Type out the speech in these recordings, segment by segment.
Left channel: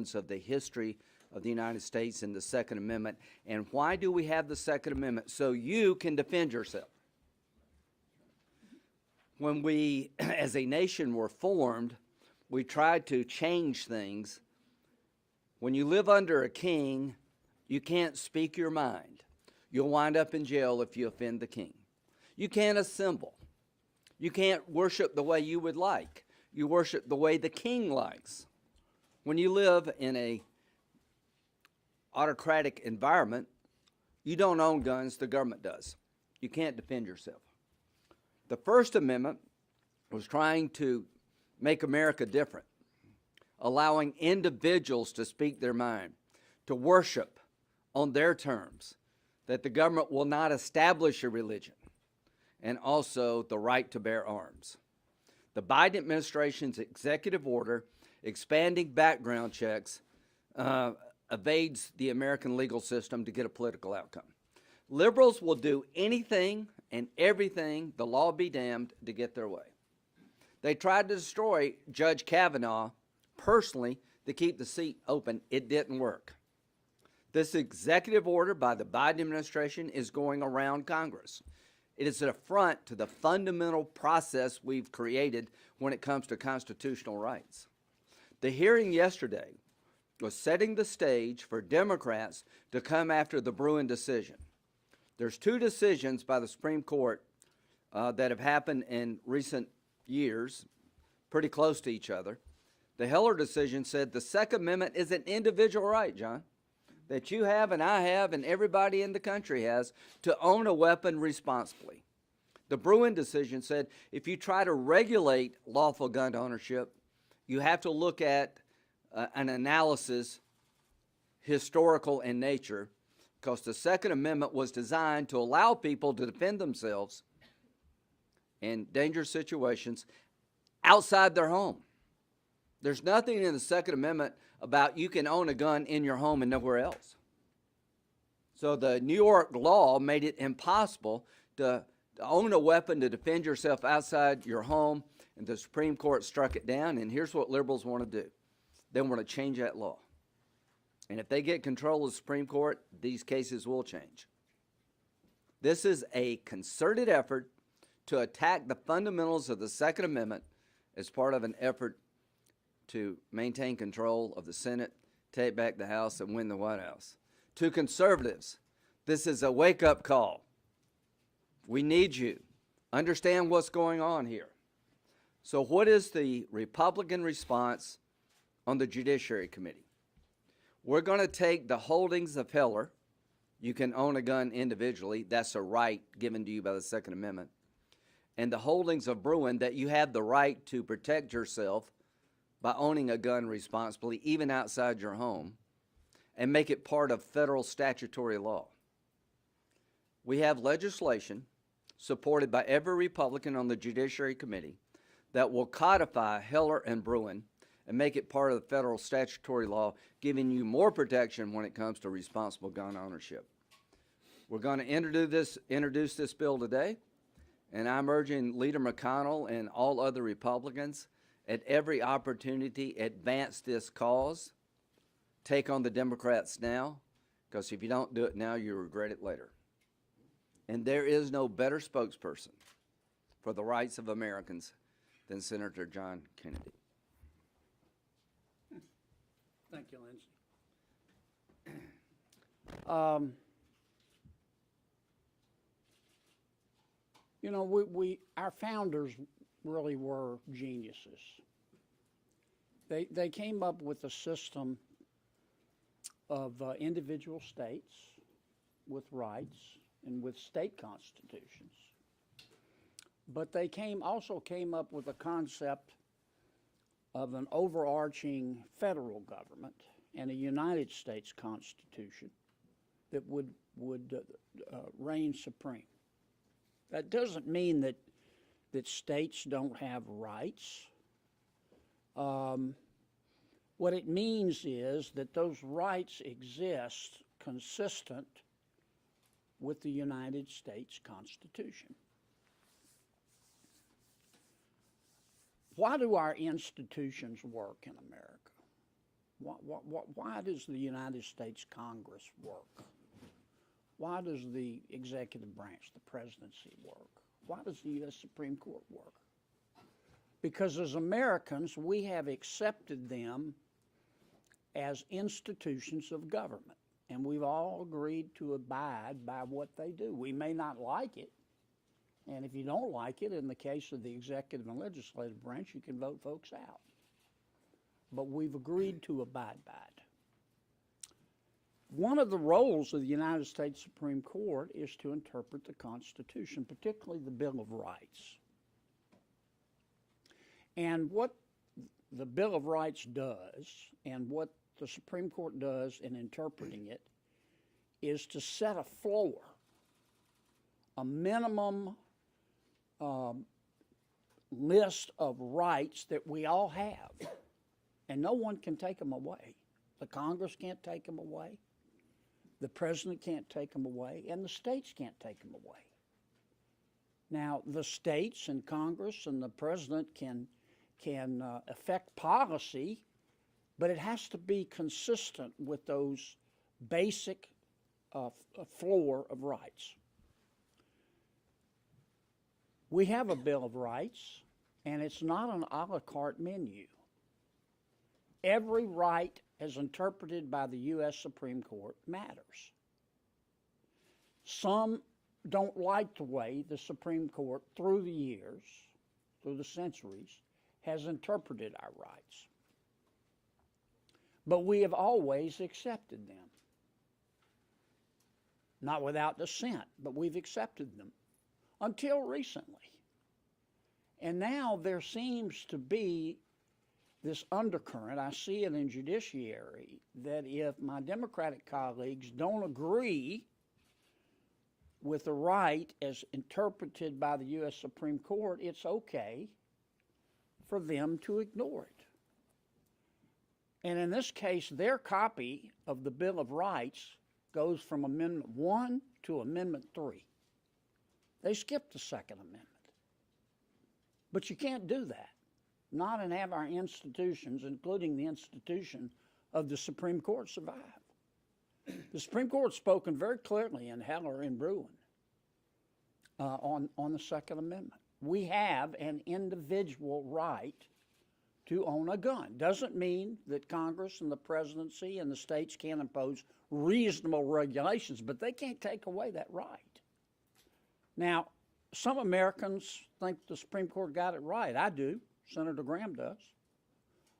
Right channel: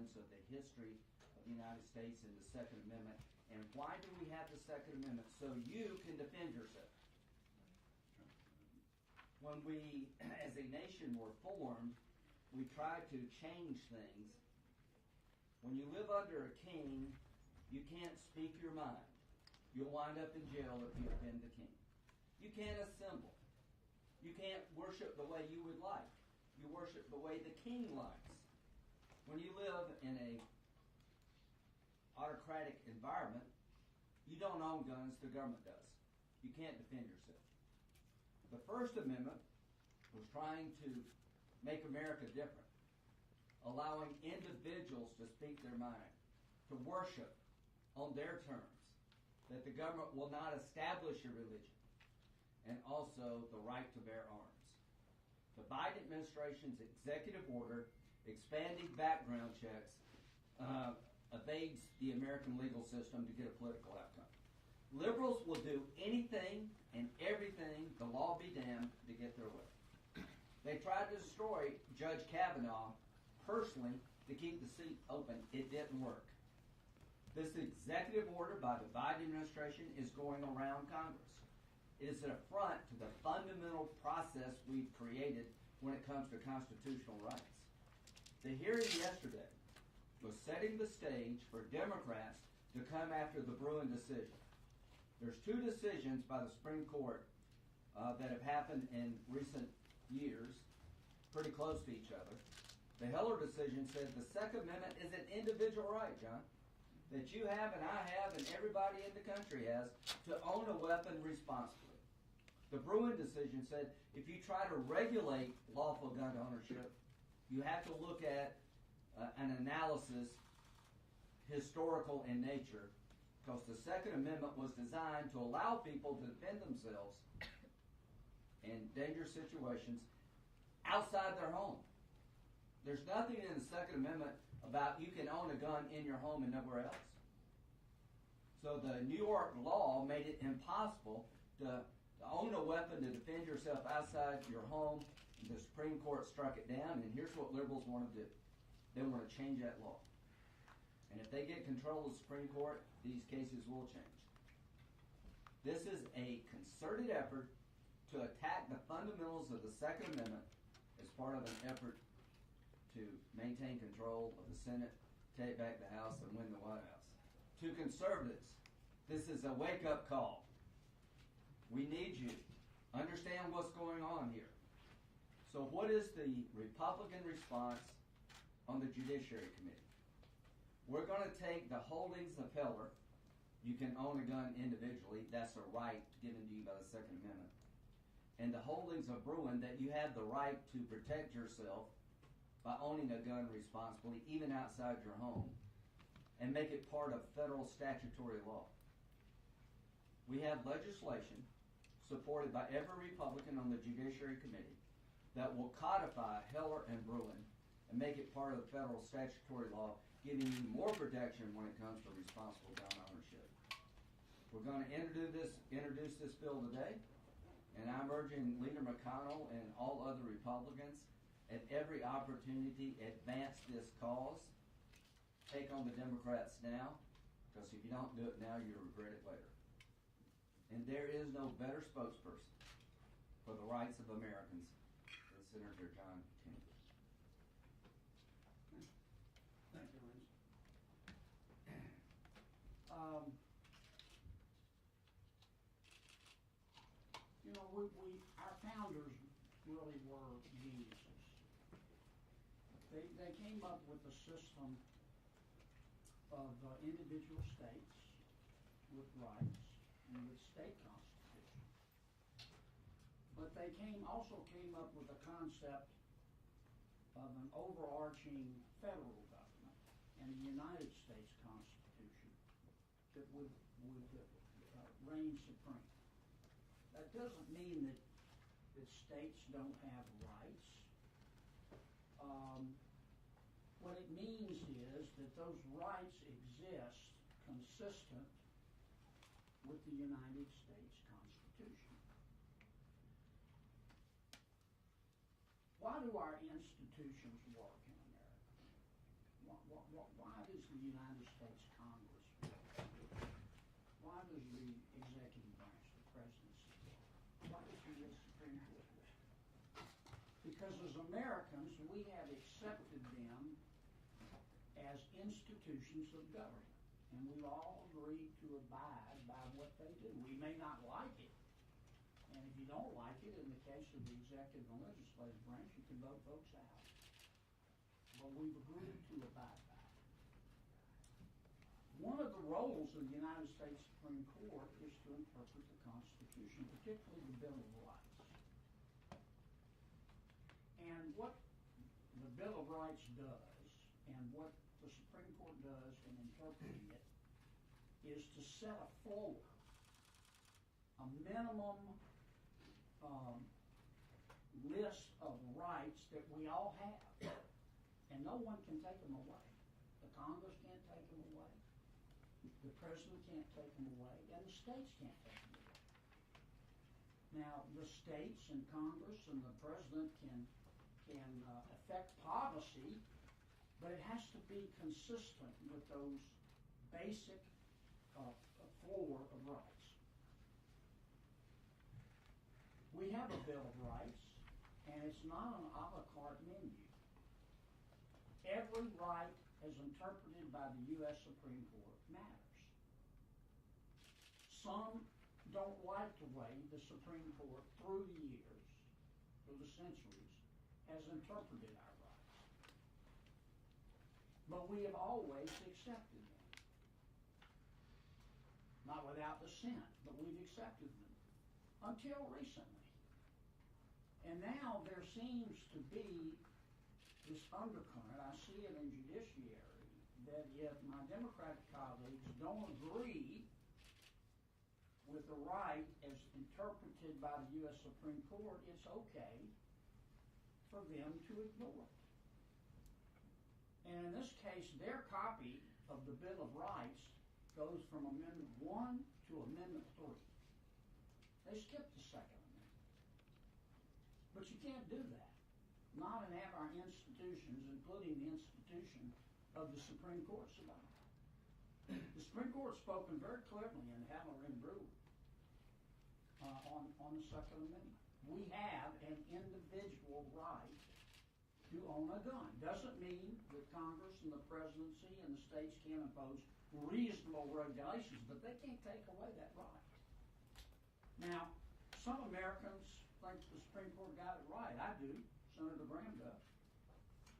foundations of the history of the United States and the Second Amendment. And why do we have the Second Amendment? So you can defend yourself. When we, as a nation, were formed, we tried to change things. When you live under a king, you can't speak your mind. You'll wind up in jail if you offend the king. You can't assemble. You can't worship the way you would like. You worship the way the king likes. When you live in a autocratic environment, you don't own guns, the government does. You can't defend yourself. The First Amendment was trying to make America different, allowing individuals to speak their mind, to worship on their terms, that the government will not establish a religion, and also the right to bear arms. The Biden administration's executive order expanding background checks evades the American legal system to get a political outcome. Liberals will do anything and everything, the law be damned, to get their way. They tried to destroy Judge Kavanaugh personally to keep the seat open. It didn't work. This executive order by the Biden administration is going around Congress. It is an affront to the fundamental process we've created when it comes to constitutional rights. The hearing yesterday was setting the stage for Democrats to come after the Bruen decision. There's two decisions by the Supreme Court that have happened in recent years, pretty close to each other. The Heller decision said the Second Amendment is an individual right, John, that you have and I have and everybody in the country has to own a weapon responsibly. The Bruen decision said if you try to regulate lawful gun ownership, you have to look at an analysis, historical in nature, because the Second Amendment was designed to allow people to defend themselves in dangerous situations outside their home. There's nothing in the Second Amendment about you can own a gun in your home and nowhere else. So the New York law made it impossible to own a weapon to defend yourself outside your home, and the Supreme Court struck it down, and here's what liberals want to do. They want to change that law. And if they get control of the Supreme Court, these cases will change. This is a concerted effort to attack the fundamentals of the Second Amendment as part of an effort to maintain control of the Senate, take back the House, and win the White House. To conservatives, this is a wake-up call. We need you. Understand what's going on here. So what is the Republican response on the Judiciary Committee? We're going to take the holdings of Heller. You can own a gun individually. That's a right given to you by the Second Amendment. And the holdings of Bruen, that you have the right to protect yourself by owning a gun responsibly, even outside your home, and make it part of federal statutory law. We have legislation supported by every Republican on the Judiciary Committee that will codify Heller and Bruen and make it part of the federal statutory law, giving you more protection when it comes to responsible gun ownership. We're going to introduce this bill today, and I'm urging Leader McConnell and all other Republicans at every opportunity advance this cause. Take on the Democrats now, because if you don't do it now, you'll regret it later. And there is no better spokesperson for the rights of Americans than Senator John Kennedy. Thank you, Lindsey. You know, our founders really were geniuses. They came up with a system of individual states with rights and with state constitutions. But they also came up with a concept of an overarching federal government and a United States Constitution that would reign supreme. That doesn't mean that states don't have rights. What it means is that those rights exist consistent with the United States Constitution. Why do our institutions work in America? Why does the United States Congress work? Why does the executive branch, the presidency, work? Why does the U.S. Supreme Court work? Because as Americans, we have accepted them as institutions of government, and we've all agreed to abide by what they do. We may not like it, and if you don't like it, in the case of the executive and legislative branch, you can vote folks out. But we've agreed to abide by it. One of the roles of the United States Supreme Court is to interpret the Constitution, particularly the Bill of Rights. And what the Bill of Rights does, and what the Supreme Court does in interpreting it, is to set a floor, a minimum list of rights that we all have. And no one can take them away. The Congress can't take them away. The president can't take them away. And the states can't take them away. Now, the states and Congress and the president can affect policy, but it has to be consistent with those basic floor of rights. We have a Bill of Rights, and it's not an a la carte menu. Every right as interpreted by the U.S. Supreme Court matters. Some don't like the way the Supreme Court, through the years, through the centuries, has interpreted our rights. But we have always accepted them. Not without dissent, but we've accepted them until recently. And now there seems to be this undercurrent, I see it in judiciary, that if my Democratic colleagues don't agree with the right as interpreted by the U.S. Supreme Court, it's okay for them to ignore it. And in this case, their copy of the Bill of Rights goes from Amendment 1 to Amendment 3. They skipped the Second Amendment. But you can't do that. Not and have our institutions, including the institution of the Supreme Court, survive. The Supreme Court has spoken very clearly in Heller and Bruin on the Second Amendment. We have an individual right to own a gun. Doesn't mean that Congress and the presidency and the states can't impose reasonable regulations, but they can't take away that right. Now, some Americans think the Supreme Court got it right. I do. Senator Graham does.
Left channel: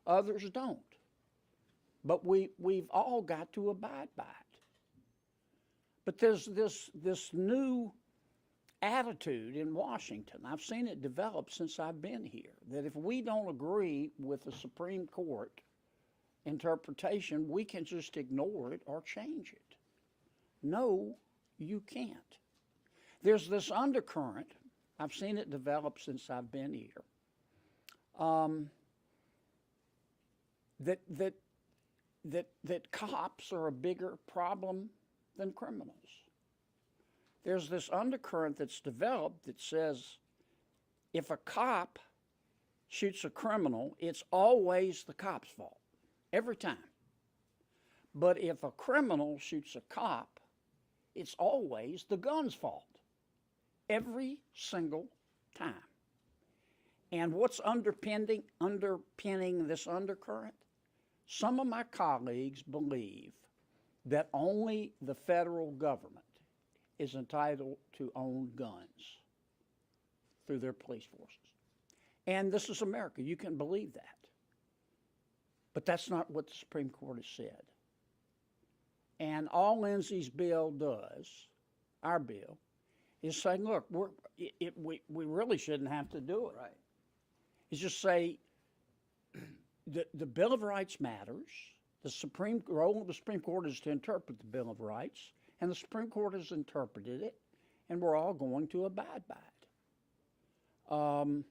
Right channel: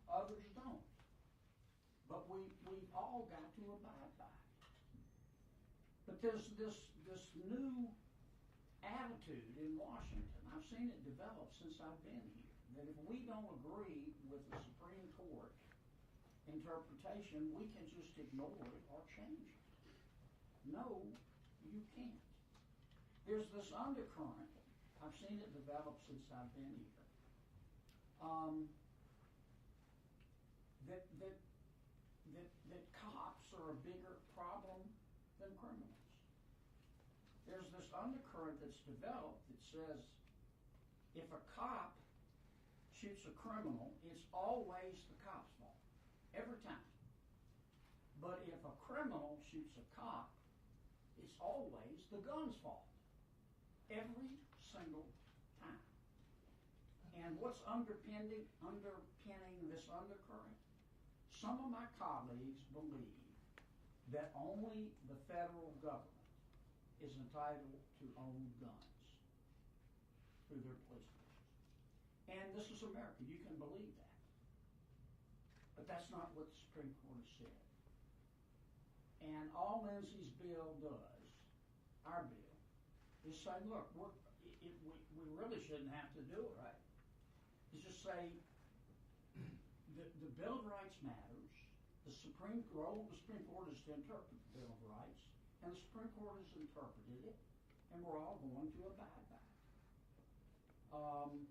Others don't. But we've all got to abide by it. But there's this new attitude in Washington. I've seen it develop since I've been here, that if we don't agree with the Supreme Court interpretation, we can just ignore it or change it. No, you can't. There's this undercurrent. I've seen it develop since I've been here. That cops are a bigger problem than criminals. There's this undercurrent that's developed that says if a cop shoots a criminal, it's always the cop's fault, every time. But if a criminal shoots a cop, it's always the gun's fault, every single time. And what's underpinning this undercurrent? Some of my colleagues believe that only the federal government is entitled to own guns through their police forces. And this is America. You can believe that. But that's not what the Supreme Court has said. And all Lindsay's bill does, our bill, is saying, look, we really shouldn't have to do it. Right. Is just say the Bill of Rights matters. The role of the Supreme Court is to interpret the Bill of Rights, and the Supreme Court has interpreted it, and we're all going to abide by it.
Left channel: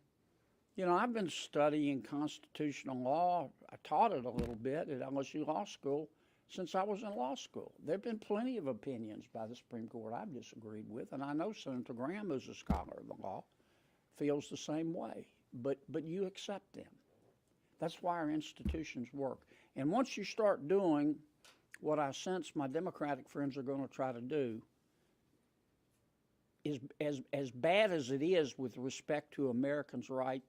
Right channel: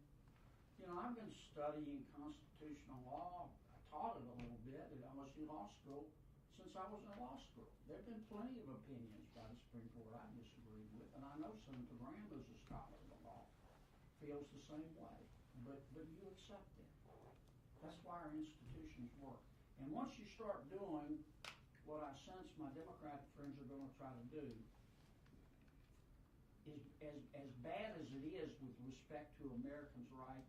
I've been studying constitutional law. I taught it a little bit at LSU Law School since I was in law school. There have been plenty of opinions by the Supreme Court I've disagreed with, and I know Senator Graham, who's a scholar of the law, feels the same way. But you accept them. That's why our institutions work. And once you start doing what I sense my Democratic friends are going to try to do, is as bad as it is with respect to Americans' right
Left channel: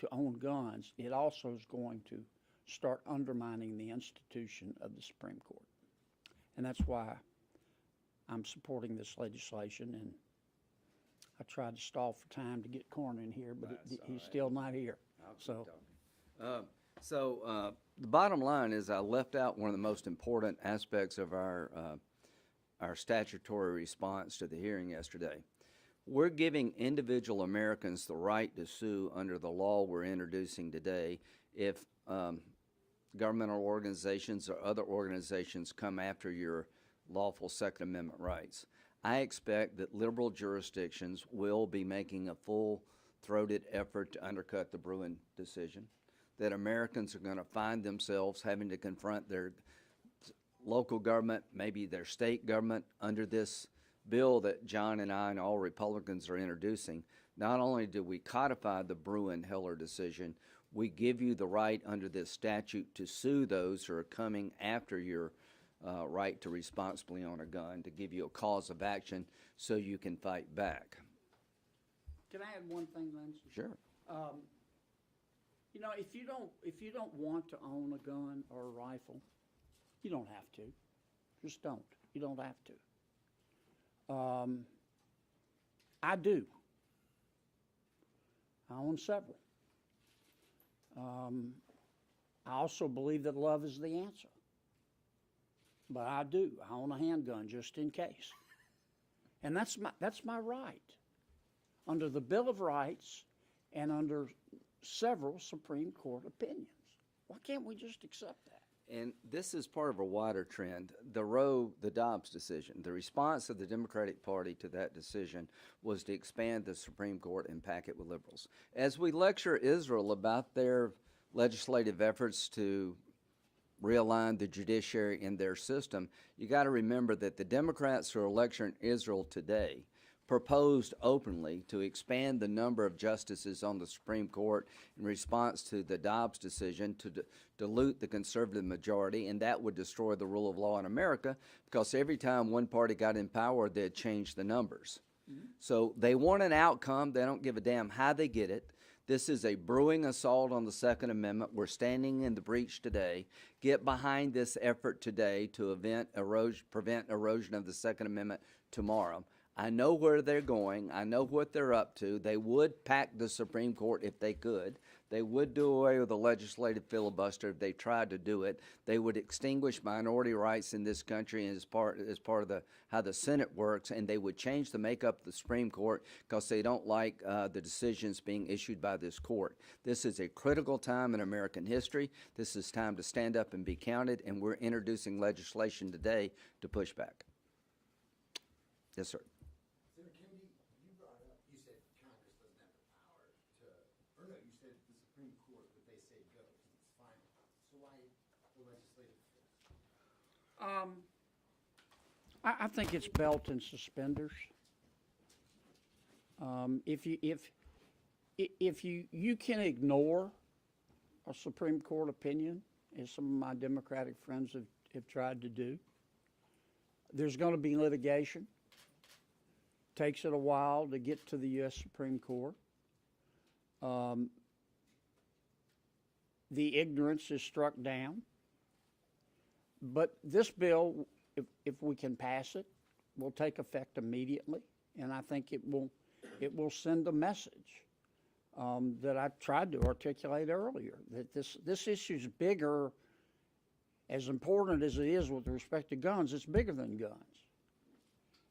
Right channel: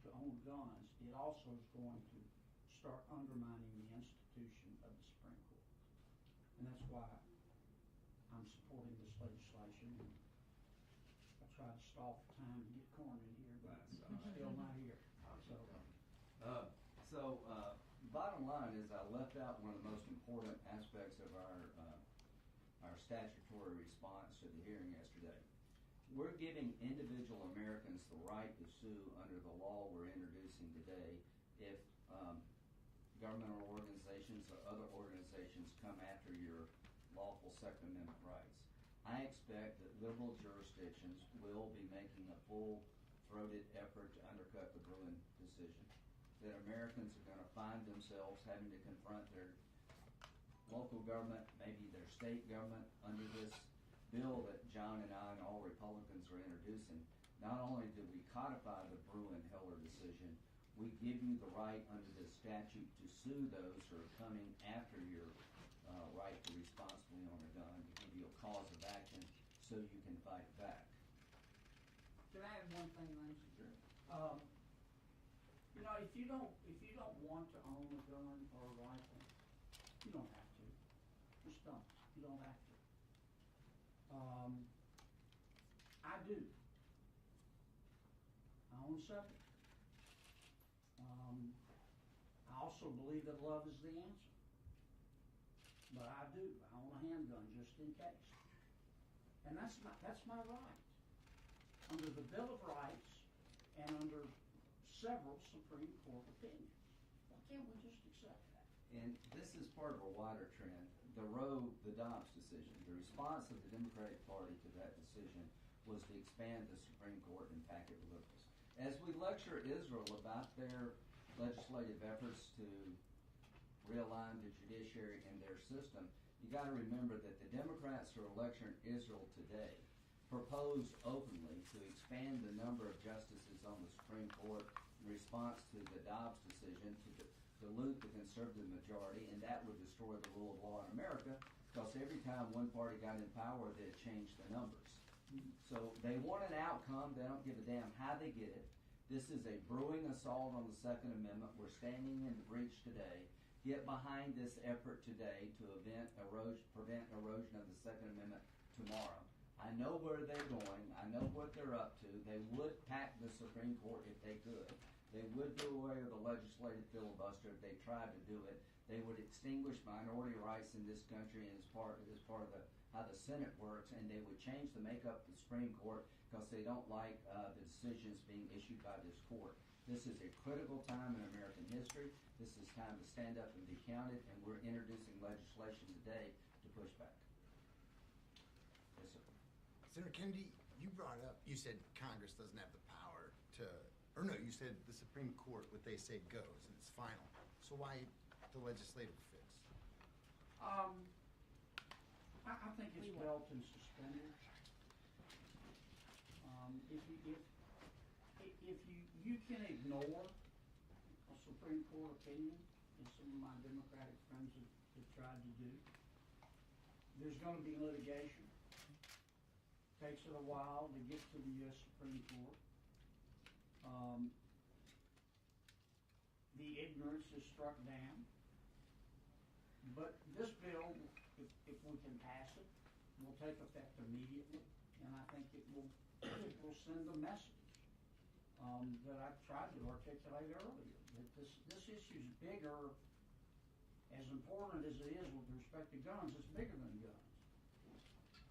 to own guns, it also is going to start undermining the institution of the Supreme Court. And that's why I'm supporting this legislation, and I tried to stall for time to get Corn in here, but he's still not here. So the bottom line is I left out one of the most important aspects of our statutory response to the hearing yesterday. We're giving individual Americans the right to sue under the law we're introducing today if governmental organizations or other organizations come after your lawful Second Amendment rights. I expect that liberal jurisdictions will be making a full-throated effort to undercut the Bruin decision, that Americans are going to find themselves having to confront their local government, maybe their state government, under this bill that John and I and all Republicans are introducing. Not only do we codify the Bruin-Heller decision, we give you the right under this statute to sue those who are coming after your right to responsibly own a gun, to give you a cause of action so you can fight back. Can I add one thing, Lance? Sure. You know, if you don't want to own a gun or a rifle, you don't have to. Just don't. You don't have to. I do. I own several. I also believe that love is the answer. But I do. I own a handgun just in case. And that's my right. Under the Bill of Rights and under several Supreme Court opinions. Why can't we just accept that? And this is part of a wider trend. The Dobbs decision, the response of the Democratic Party to that decision was to expand the Supreme Court and pack it with liberals. As we lecture Israel about their legislative efforts to realign the judiciary in their system, you got to remember that the Democrats who are lecturing Israel today proposed openly to expand the number of justices on the Supreme Court in response to the Dobbs decision to dilute the conservative majority, and that would destroy the rule of law in America, because every time one party got in power, they'd change the numbers. So they want an outcome. They don't give a damn how they get it. This is a brewing assault on the Second Amendment. We're standing in the breach today. Get behind this effort today to prevent erosion of the Second Amendment tomorrow. I know where they're going. I know what they're up to. They would pack the Supreme Court if they could. They would do away with the legislative filibuster if they tried to do it. They would extinguish minority rights in this country as part of how the Senate works, and they would change the makeup of the Supreme Court because they don't like the decisions being issued by this court. This is a critical time in American history. This is time to stand up and be counted, and we're introducing legislation today to push back. Yes, sir. Senator Kennedy, you said Congress doesn't have the power to, or no, you said the Supreme Court, what they say goes, and it's final. So why the legislative fix? I think it's belt and suspenders. If you can ignore a Supreme Court opinion, as some of my Democratic friends have tried to do, there's going to be litigation. Takes it a while to get to the U.S. Supreme Court. The ignorance is struck down. But this bill, if we can pass it, will take effect immediately, and I think it will send a message that I tried to articulate earlier, that this issue is bigger. As important as it is with respect to guns, it's bigger than guns.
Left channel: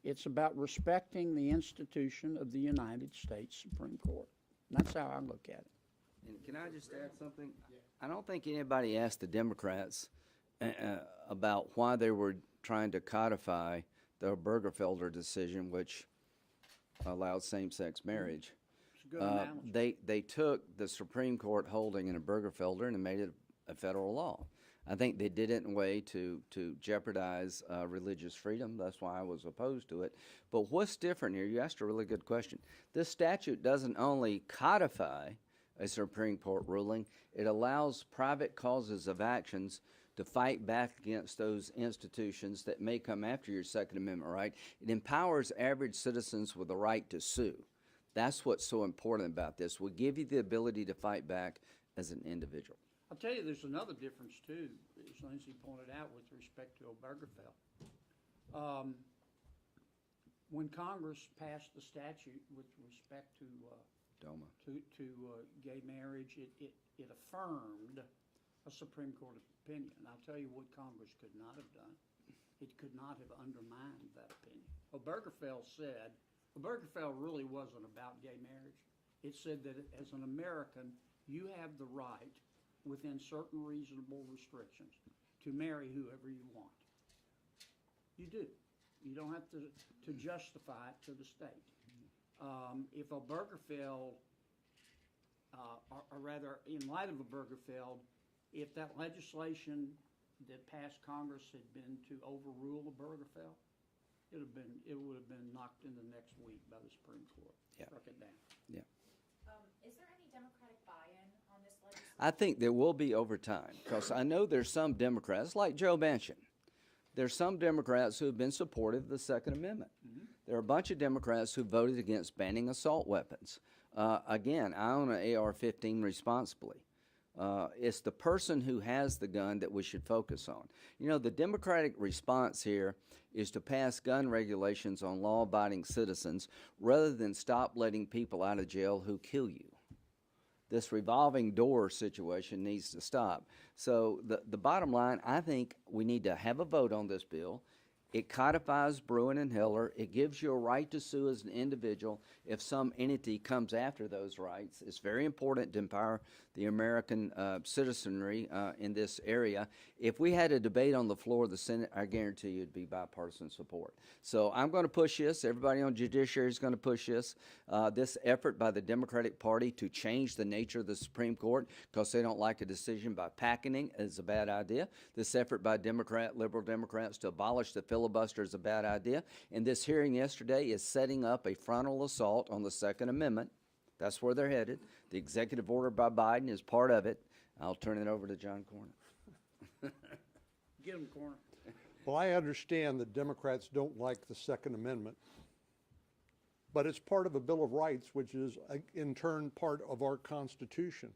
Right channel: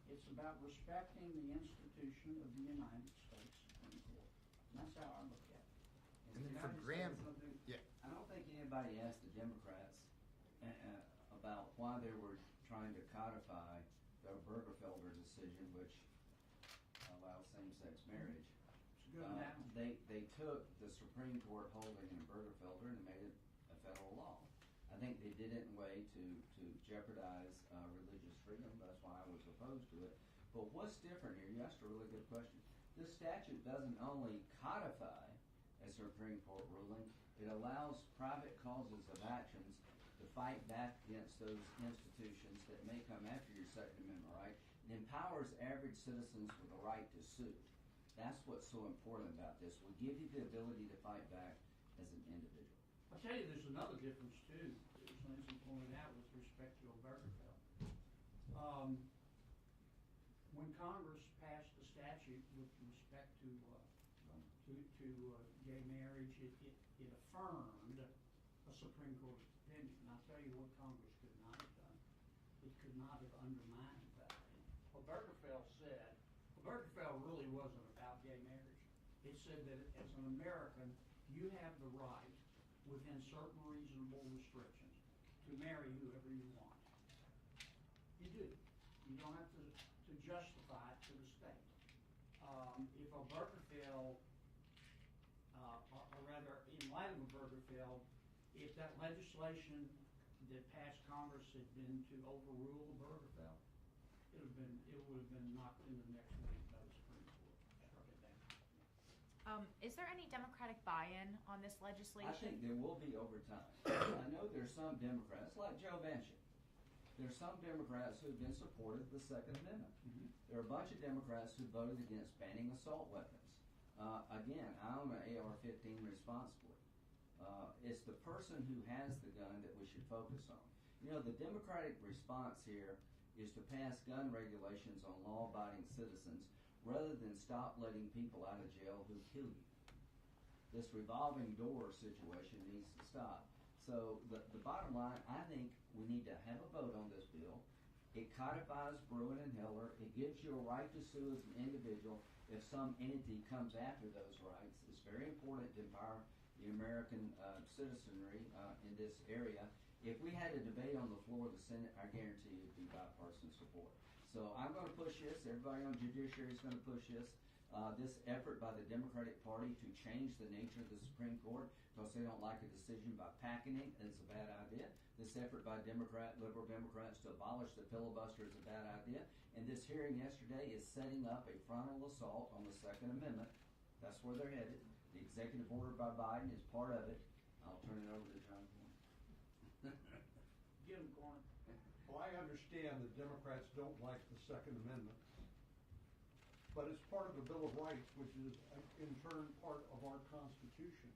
It's about respecting the institution of the United States Supreme Court. And that's how I look at it. And can I just add something? Yeah. I don't think anybody asked the Democrats about why they were trying to codify the Burgerfelder decision, which allowed same-sex marriage. It's a good analogy. They took the Supreme Court holding in a Burgerfelder and made it a federal law. I think they did it in a way to jeopardize religious freedom. That's why I was opposed to it. But what's different here? You asked a really good question. This statute doesn't only codify a Supreme Court ruling, it allows private causes of actions to fight back against those institutions that may come after your Second Amendment right. It empowers average citizens with the right to sue. That's what's so important about this. We give you the ability to fight back as an individual. I'll tell you, there's another difference too, as Lindsay pointed out with respect to Obergefell. When Congress passed the statute with respect to DOMA. Gay marriage, it affirmed a Supreme Court opinion. And I'll tell you what Congress could not have done. It could not have undermined that opinion. Obergefell really wasn't about gay marriage. It said that as an American, you have the right, within certain reasonable restrictions, to marry whoever you want. You do. You don't have to justify it to the state. If Obergefell, or rather, in light of Obergefell, if that legislation that passed Congress had been to overrule Obergefell, it would have been knocked in the next week by the Supreme Court. Yeah. Struck it down. Is there any Democratic buy-in on this legislation? I think there will be over time, because I know there's some Democrats, like Joe Manchin. There's some Democrats who have been supportive of the Second Amendment. Mm-hmm. There are a bunch of Democrats who voted against banning assault weapons. Again, I own an AR-15 responsibly. It's the person who has the gun that we should focus on. You know, the Democratic response here is to pass gun regulations on law-abiding citizens rather than stop letting people out of jail who kill you. This revolving door situation needs to stop. So the bottom line, I think we need to have a vote on this bill. It codifies Bruin and Heller. It gives you a right to sue as an individual if some entity comes after those rights. It's very important to empower the American citizenry in this area. If we had a debate on the floor of the Senate, I guarantee you it'd be bipartisan support. So I'm going to push this. Everybody on Judiciary is going to push this. This effort by the Democratic Party to change the nature of the Supreme Court because they don't like a decision by packing is a bad idea. This effort by liberal Democrats to abolish the filibuster is a bad idea. And this hearing yesterday is setting up a frontal assault on the Second Amendment. That's where they're headed. The executive order by Biden is part of it. I'll turn it over to John Cornyn. Get him, Corner. Well, I understand that Democrats don't like the Second Amendment, but it's part of a Bill of Rights, which is in turn part of our Constitution,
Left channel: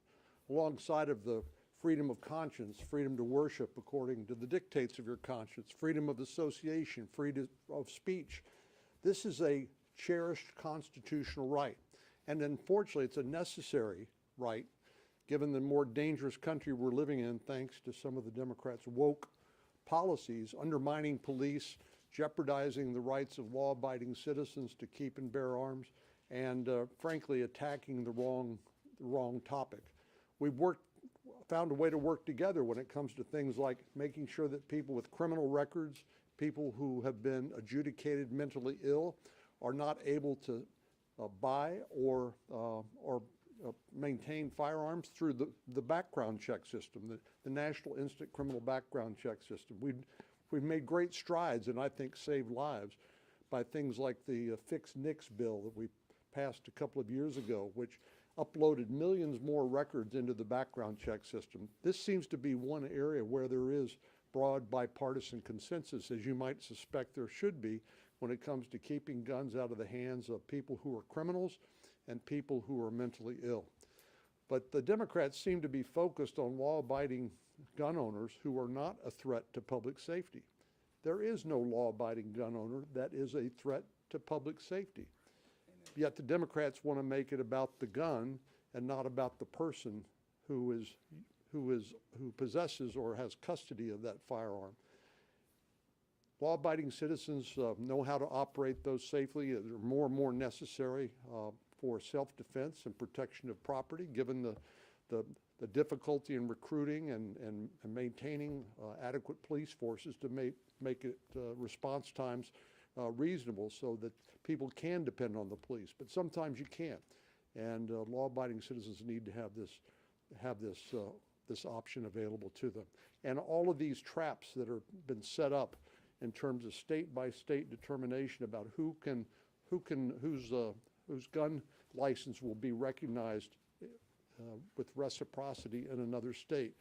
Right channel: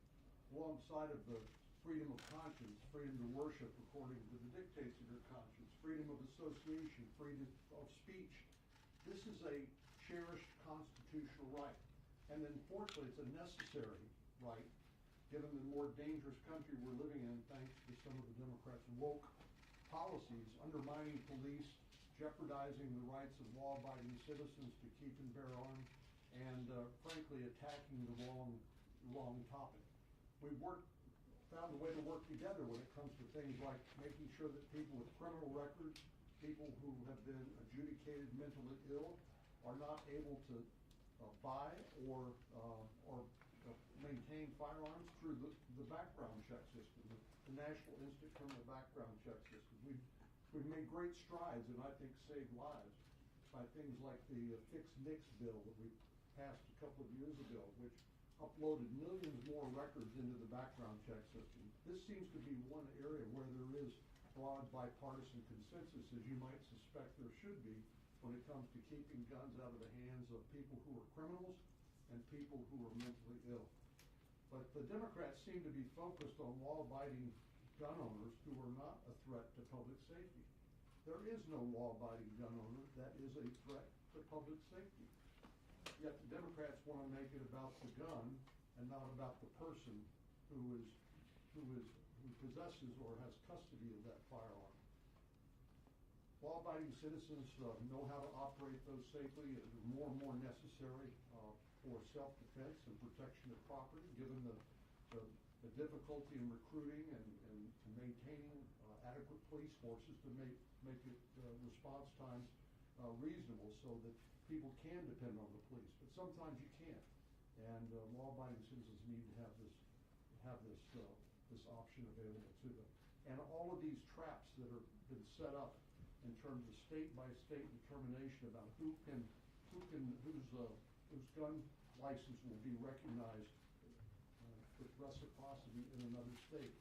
alongside of the freedom of conscience, freedom to worship according to the dictates of your conscience, freedom of association, freedom of speech. This is a cherished constitutional right, and unfortunately it's a necessary right, given the more dangerous country we're living in thanks to some of the Democrats' woke policies, undermining police, jeopardizing the rights of law-abiding citizens to keep and bear arms, and frankly attacking the wrong topic. We've found a way to work together when it comes to things like making sure that people with criminal records, people who have been adjudicated mentally ill, are not able to buy or maintain firearms through the background check system, the National Instant Criminal Background Check System. We've made great strides and I think saved lives by things like the Fix NICS bill that we passed a couple of years ago, which uploaded millions more records into the background check system. This seems to be one area where there is broad bipartisan consensus, as you might suspect there should be, when it comes to keeping guns out of the hands of people who are criminals and people who are mentally ill. But the Democrats seem to be focused on law-abiding gun owners who are not a threat to public safety. There is no law-abiding gun owner that is a threat to public safety. Yet the Democrats want to make it about the gun and not about the person who possesses or has custody of that firearm. Law-abiding citizens know how to operate those safely. They're more and more necessary for self-defense and protection of property, given the difficulty in recruiting and maintaining adequate police forces to make it response times reasonable so that people can depend on the police. But sometimes you can't, and law-abiding citizens need to have this option available to them. And all of these traps that have been set up in terms of state-by-state determination about whose gun license will be recognized with reciprocity in another state.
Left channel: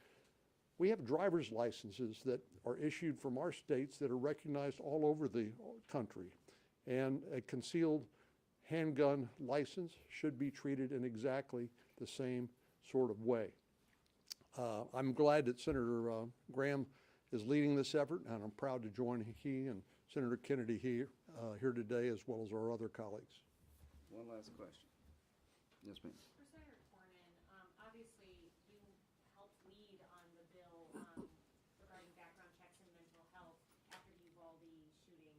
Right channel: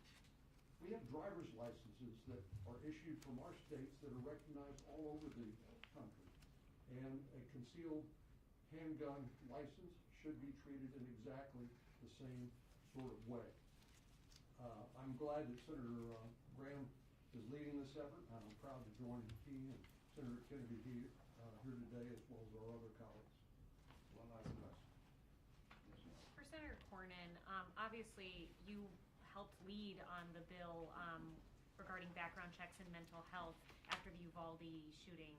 We have driver's licenses that are issued from our states that are recognized all over the country. And a concealed handgun license should be treated in exactly the same sort of way. I'm glad that Senator Graham is leading this effort, and I'm proud to join he and Senator Kennedy here today, as well as our other colleagues. One last question. Yes, ma'am. For Senator Cornyn, obviously you helped lead on the bill regarding background checks and mental health after the Uvalde shooting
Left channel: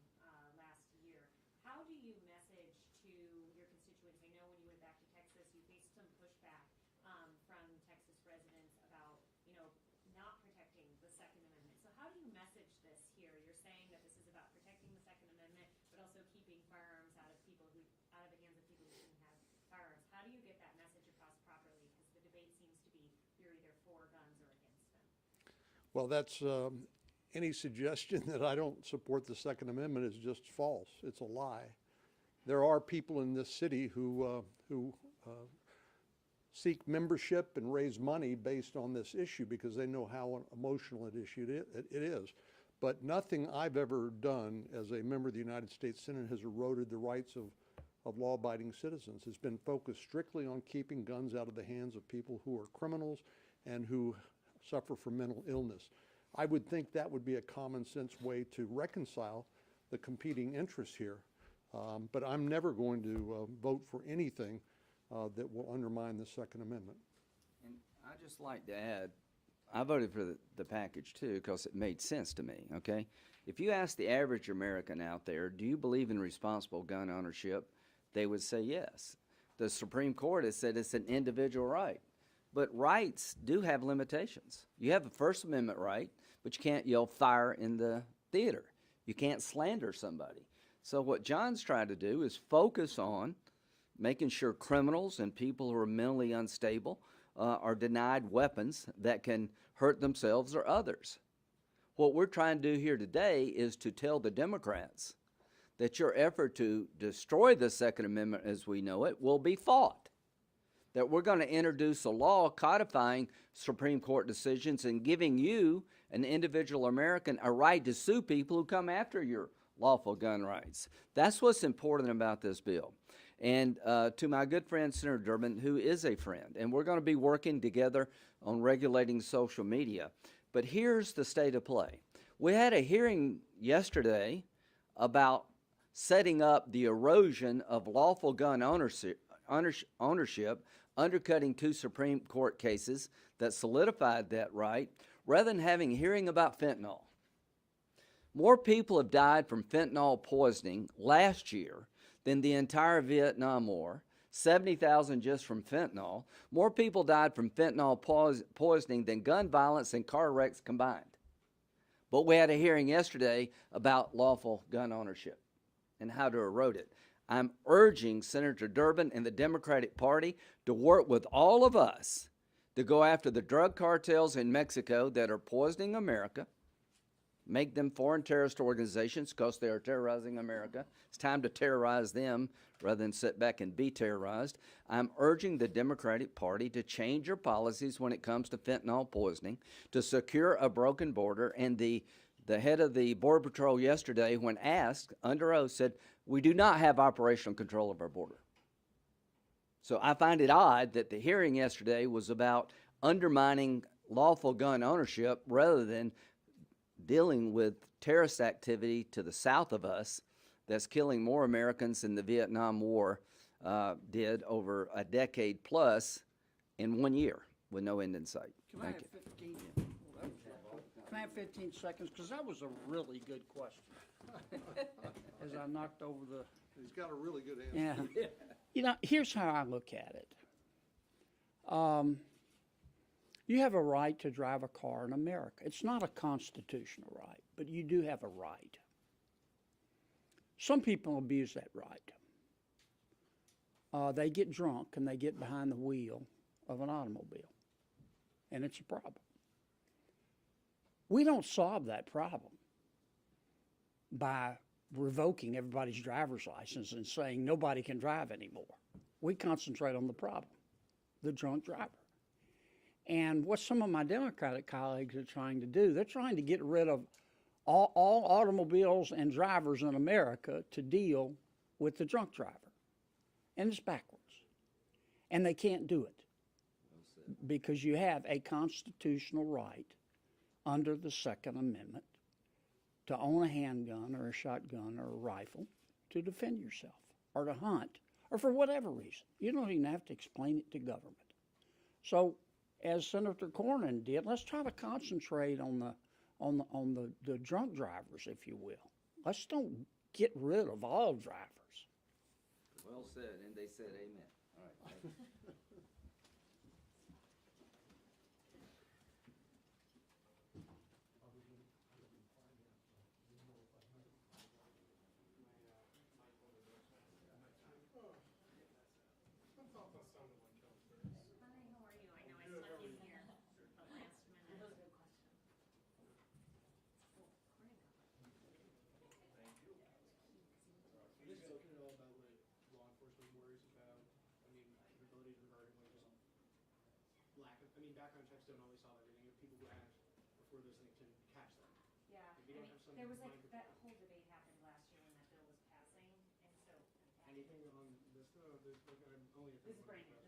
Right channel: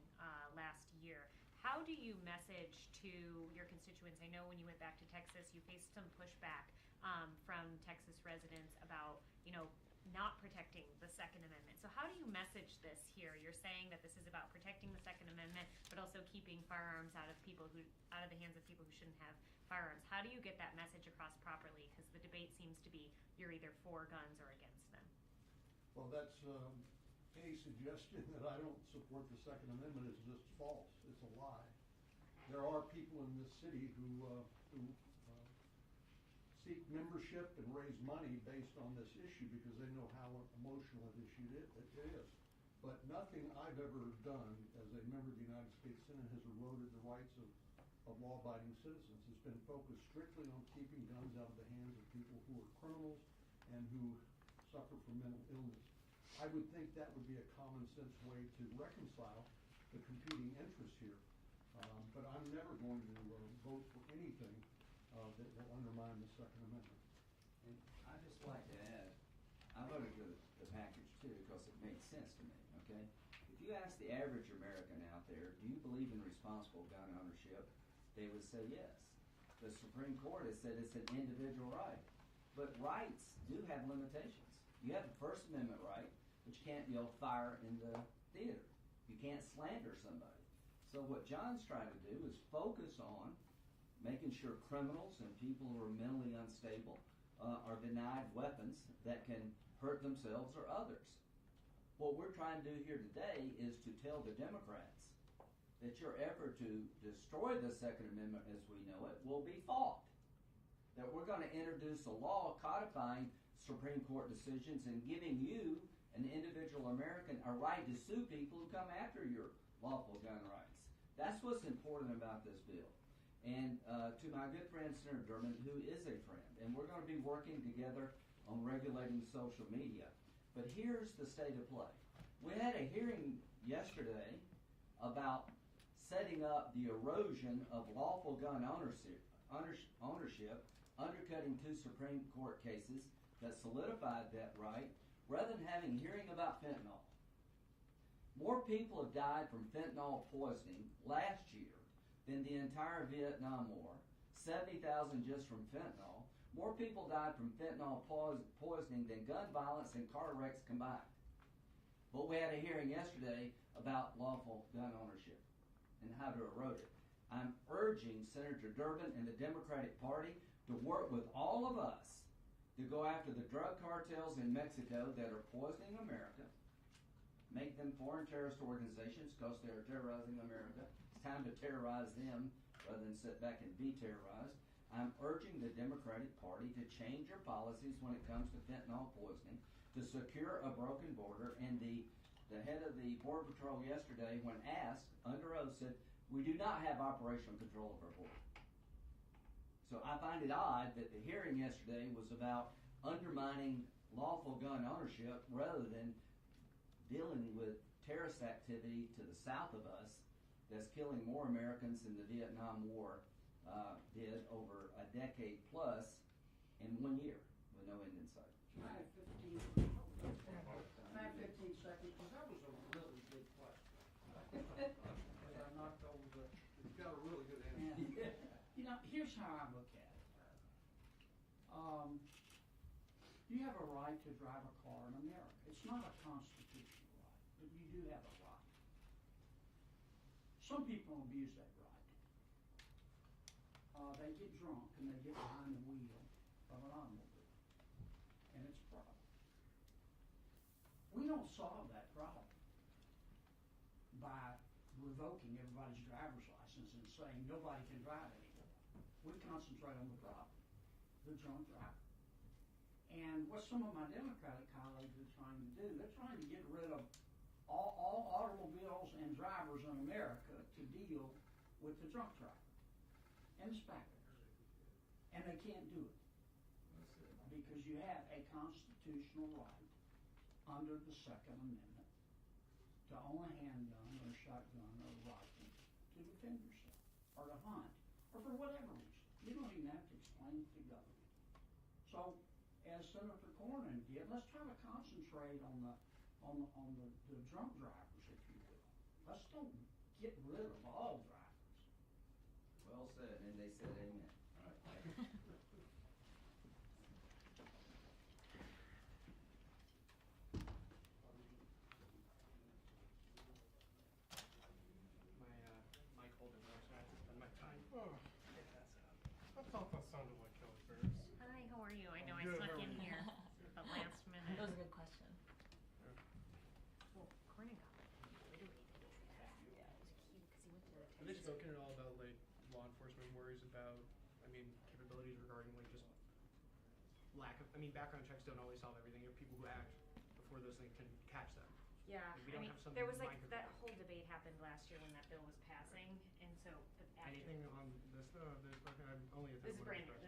last year. How do you message to your constituents? I know when you went back to Texas, you faced some pushback from Texas residents about, not protecting the Second Amendment. So how do you message this here? You're saying that this is about protecting the Second Amendment, but also keeping firearms out of the hands of people who shouldn't have firearms. How do you get that message across properly? Because the debate seems to be you're either for guns or against them. Well, that's any suggestion that I don't support the Second Amendment is just false. It's a lie. There are people in this city who seek membership and raise money based on this issue because they know how emotional it is. But nothing I've ever done as a member of the United States Senate has eroded the rights of law-abiding citizens. It's been focused strictly on keeping guns out of the hands of people who are criminals and who suffer from mental illness. I would think that would be a common sense way to reconcile the competing interests here. But I'm never going to vote for anything that will undermine the Second Amendment. And I'd just like to add, I voted for the package too because it made sense to me, okay? If you ask the average American out there, do you believe in responsible gun ownership? They would say yes. The Supreme Court has said it's an individual right. But rights do have limitations. You have a First Amendment right, but you can't yell fire in the theater. You can't slander somebody. So what John's trying to do is focus on making sure criminals and people who are mentally unstable are denied weapons that can hurt themselves or others. What we're trying to do here today is to tell the Democrats that your effort to destroy the Second Amendment as we know it will be fought. That we're going to introduce a law codifying Supreme Court decisions and giving you, an individual American, a right to sue people who come after your lawful gun rights. That's what's important about this bill. And to my good friend, Senator Durbin, who is a friend, and we're going to be working together on regulating social media. But here's the state of play. We had a hearing yesterday about setting up the erosion of lawful gun ownership, undercutting 2 Supreme Court cases that solidified that right, rather than having a hearing about fentanyl. More people have died from fentanyl poisoning last year than the entire Vietnam War, 70,000 just from fentanyl. More people died from fentanyl poisoning than gun violence and car wrecks combined. But we had a hearing yesterday about lawful gun ownership and how to erode it. I'm urging Senator Durbin and the Democratic Party to work with all of us to go after the drug cartels in Mexico that are poisoning America, make them foreign terrorist organizations because they are terrorizing America. It's time to terrorize them rather than sit back and be terrorized. I'm urging the Democratic Party to change your policies when it comes to fentanyl poisoning, to secure a broken border. And the head of the Border Patrol yesterday, when asked under oath, said, we do not have operational control of our border. So I find it odd that the hearing yesterday was about undermining lawful gun ownership rather than dealing with terrorist activity to the south of us that's killing more Americans than the Vietnam War did over a decade plus in 1 year with no end in sight. Can I have 15 seconds? Because that was a really good question. As I knocked over the... He's got a really good answer. Yeah. Here's how I look at it. You have a right to drive a car in America. It's not a constitutional right, but you do have a right. Some people abuse that right. They get drunk and they get behind the wheel of an automobile, and it's a problem. We don't solve that problem by revoking everybody's driver's license and saying nobody can drive anymore. We concentrate on the problem, the drunk driver. And what some of my Democratic colleagues are trying to do, they're trying to get rid of all automobiles and drivers in America to deal with the drunk driver. And it's backwards. And they can't do it because you have a constitutional right under the Second Amendment to own a handgun or a shotgun or a rifle to defend yourself or to hunt or for whatever reason. You don't even have to explain it to government. So, as Senator Cornyn did, let's try to concentrate on the drunk drivers, if you will. Let's don't get rid of all drivers. Well said, and they said amen. All right. Mike Holden, my time. Oh, I thought that sounded like Kelly Ferris. Hi, how are you? I know I Good, snuck how are in you? here at the last minute. That was a good question. Well, Corning got like obliterated. Yeah, it was cute because he went to Have they spoken at all about like law enforcement worries about, capabilities regarding like just lack of, background checks don't always solve everything. There are people who act before those things can catch them. Yeah, We don't have some there was like mind that control. whole debate happened last year when that bill was passing, and so the Anything on this, I'm only a This is brand new.